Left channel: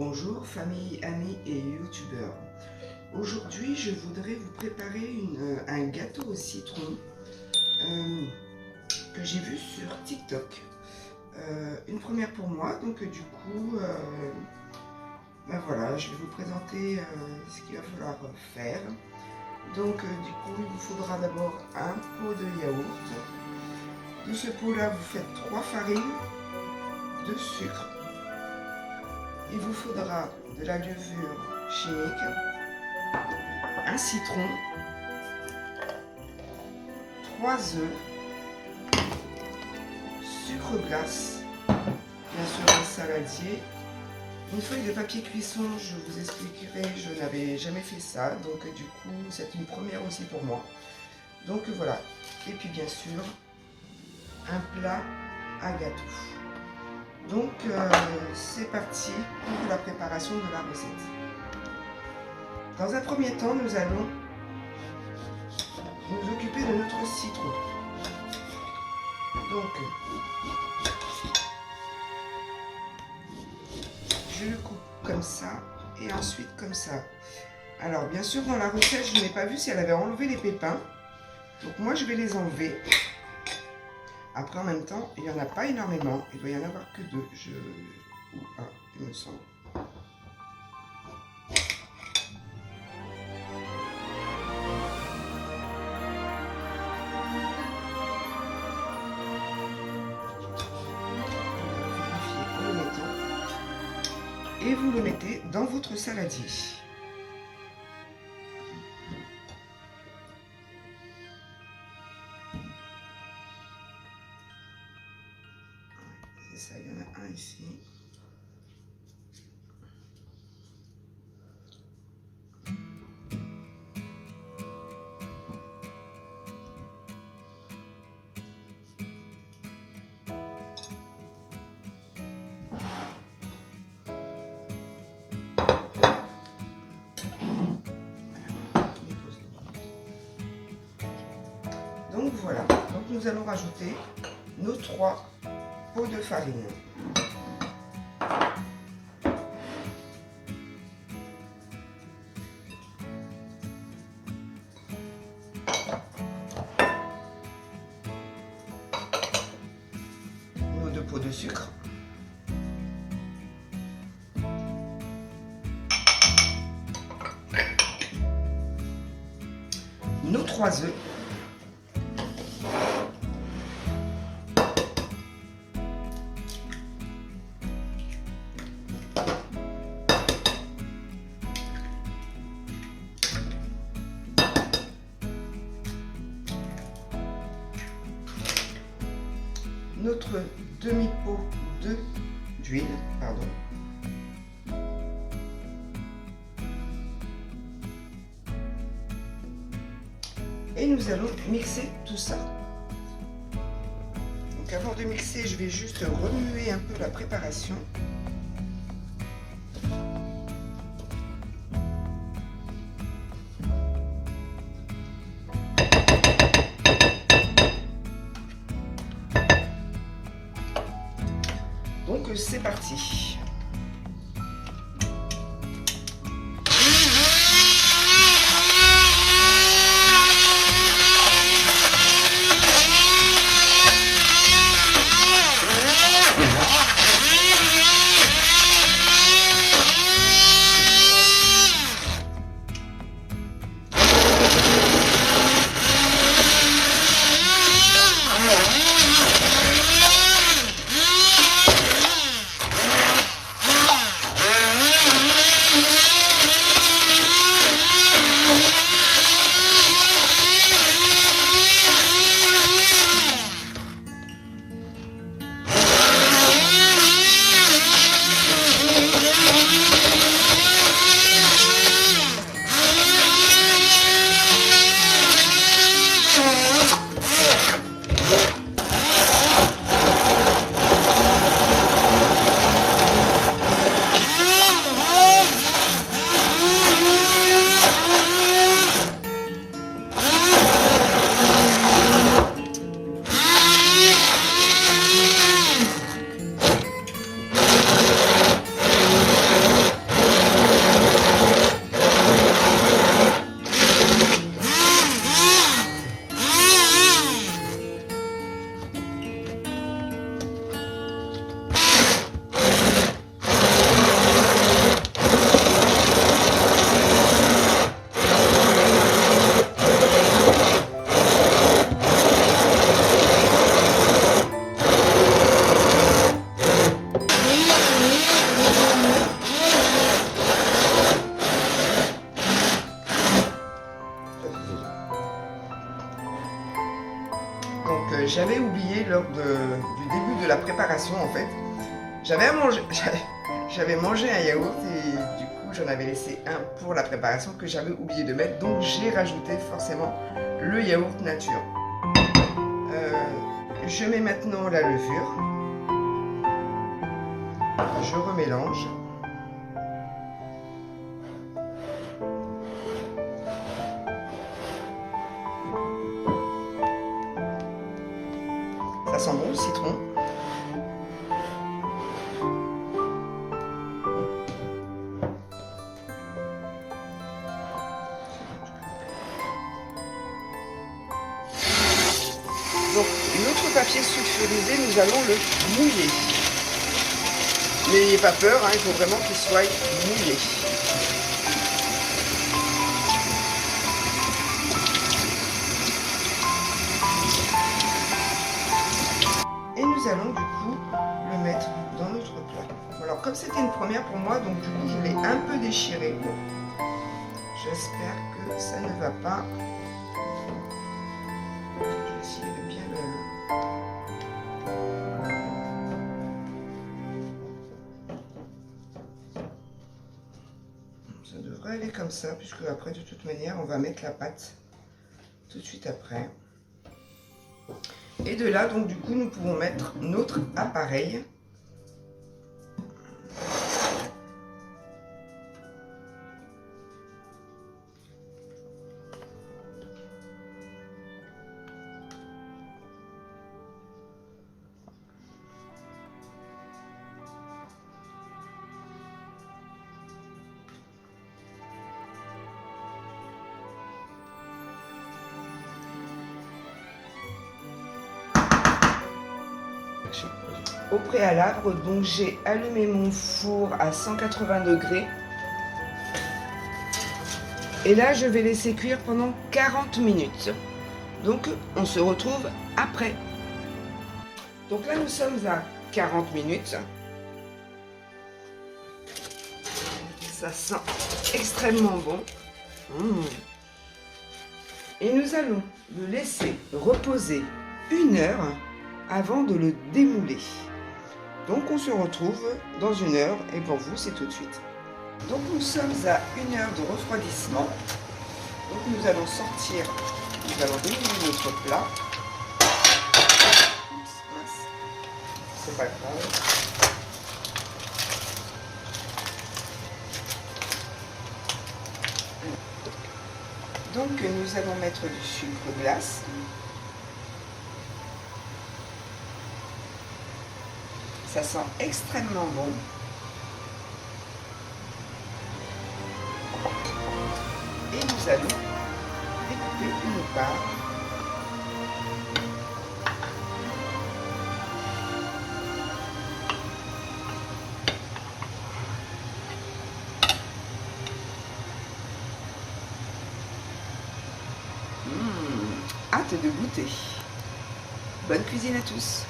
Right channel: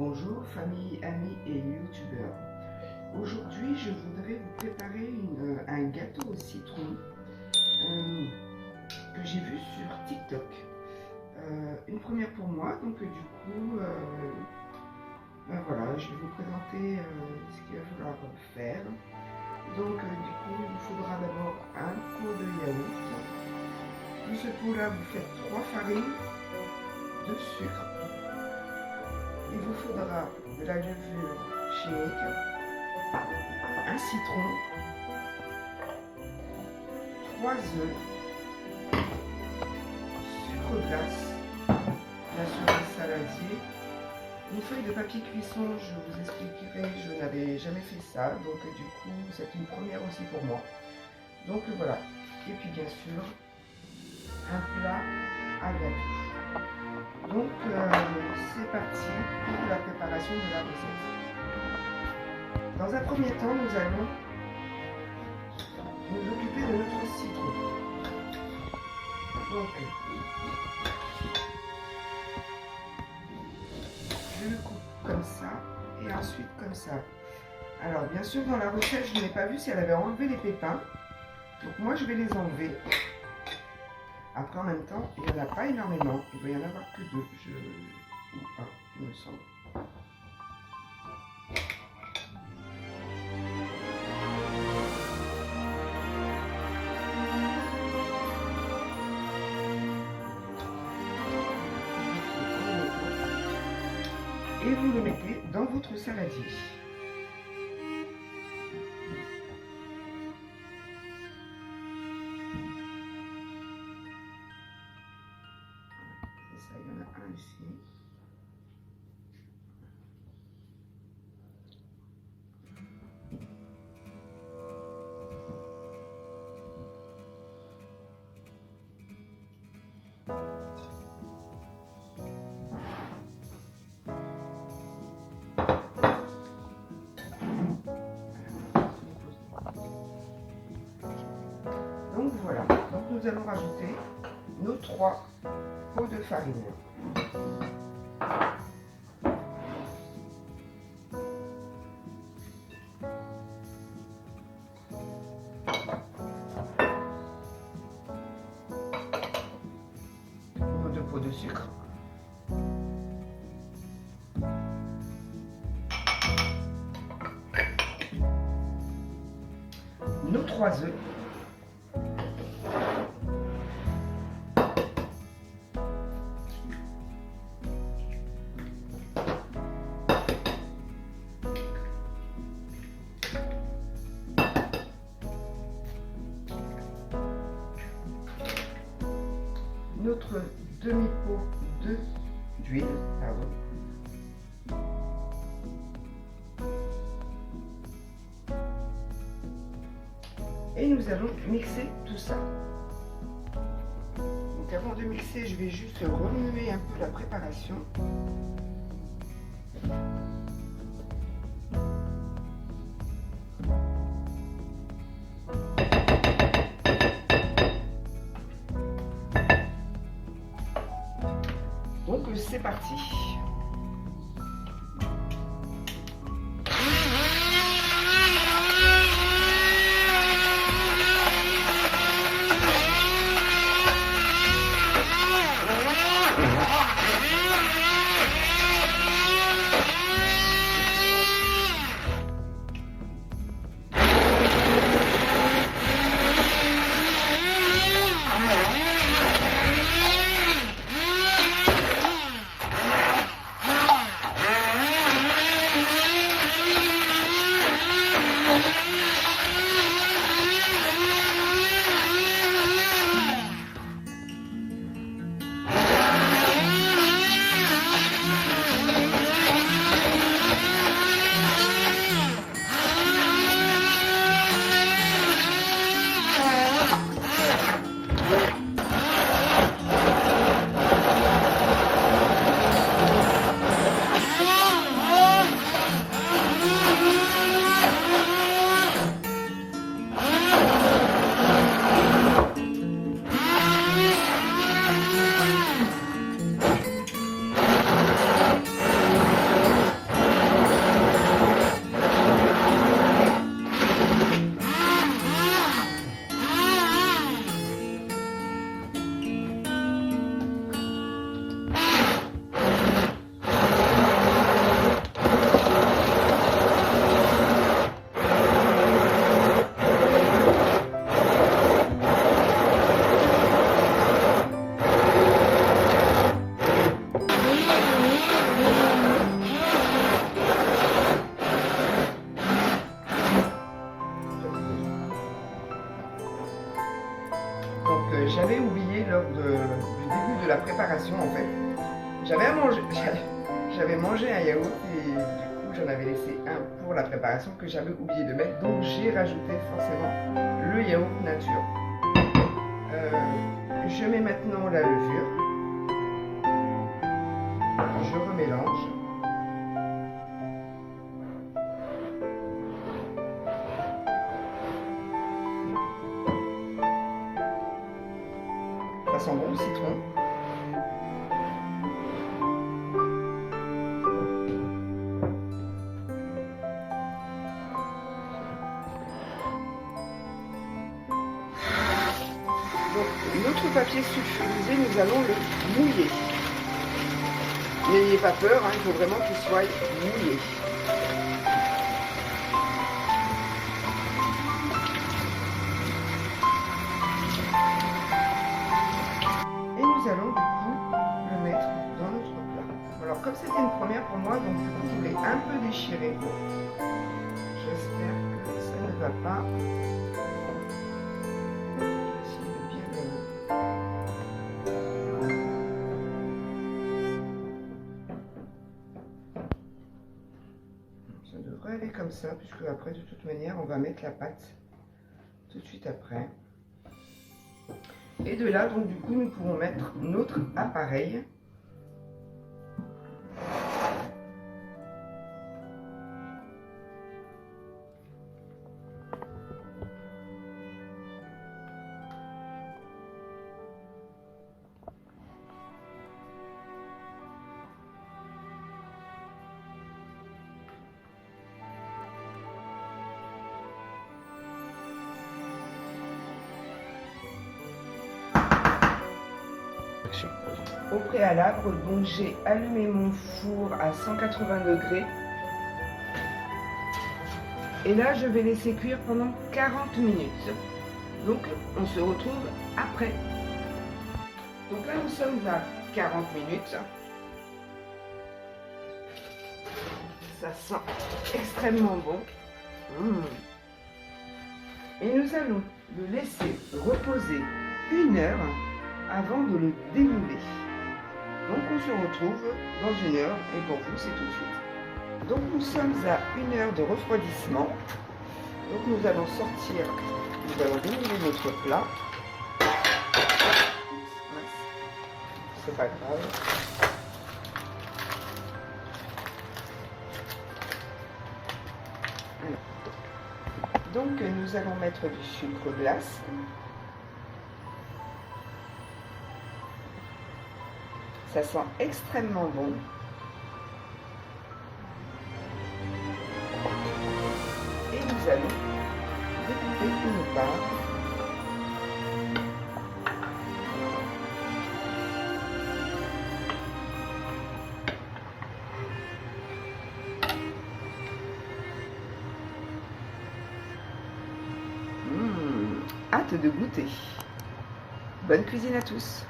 Bonjour famille, amis et youtubeurs. Aujourd'hui je voudrais vous préparer un gâteau au citron que j'ai vu sur TikTok. Une première pour moi, donc du coup ben voilà, je vais vous présenter ce qu'il va falloir faire. Donc du coup il vous faudra d'abord un pot de yaourt. De ce pot là vous faites 3 farines, de sucre. Il vous faudra de la levure chimique, un citron, 3 œufs, sucre glace, bien sûr un saladier, une feuille de papier cuisson. Je vous expliquerai, je n'avais jamais fait ça, donc du coup c'est une première aussi pour moi. Donc voilà, et puis bien sûr un plat à gâteau. Donc c'est parti pour la préparation de la recette. Dans un premier temps, nous allons nous occuper de notre citron. Donc je le coupe comme ça et ensuite comme ça. Alors bien sûr dans la recette je n'ai pas vu si elle avait enlevé les pépins. Donc moi je vais les enlever. Après, en même temps, il n'y en a pas énormément. Il doit y en avoir que 2. Ou 1, il me semble. Et vous le mettez dans votre saladier. Ça, il y en a un ici. Donc voilà, donc nous allons rajouter nos 3 pots de farine. Nos 2 pots de sucre. Nos 3 œufs. Notre demi-pot d'huile, pardon. Et nous allons mixer tout ça. Donc avant de mixer, je vais juste remuer un peu la préparation. Donc c'est parti. oublié lors du début de la préparation en fait. J'avais mangé un yaourt et du coup j'en avais laissé un pour la préparation que j'avais oublié de mettre. Donc j'ai rajouté forcément le yaourt nature. Je mets maintenant la levure. Je remélange. Ça sent bon le citron. Donc, notre papier sulfurisé, nous allons le mouiller. N'ayez pas peur, hein, il faut vraiment qu'il soit mouillé. Et nous allons du coup le mettre dans notre plat. Alors comme c'était une première pour moi, donc du coup je l'ai un peu déchiré. Bon, j'espère que ça ne va pas. Je vais essayer de bien le... Ça devrait aller comme ça, puisque après de toute manière on va mettre la pâte tout de suite après. Et de là, donc du coup, nous pouvons mettre notre appareil. Au préalable, donc j'ai allumé mon four à 180 degrés. Et là, je vais laisser cuire pendant 40 minutes. Donc, on se retrouve après. Donc là, nous sommes à 40 minutes. Ça sent extrêmement bon. Et nous allons le laisser reposer 1 heure avant de le démouler. Donc on se retrouve dans 1 heure et pour vous c'est tout de suite. Donc nous sommes à 1 heure de refroidissement. Donc nous allons sortir, nous allons démouler notre plat. C'est pas grave. Donc nous allons mettre du sucre glace. Ça sent extrêmement bon. Et nous allons découper une part. Hâte de goûter. Bonne cuisine à tous.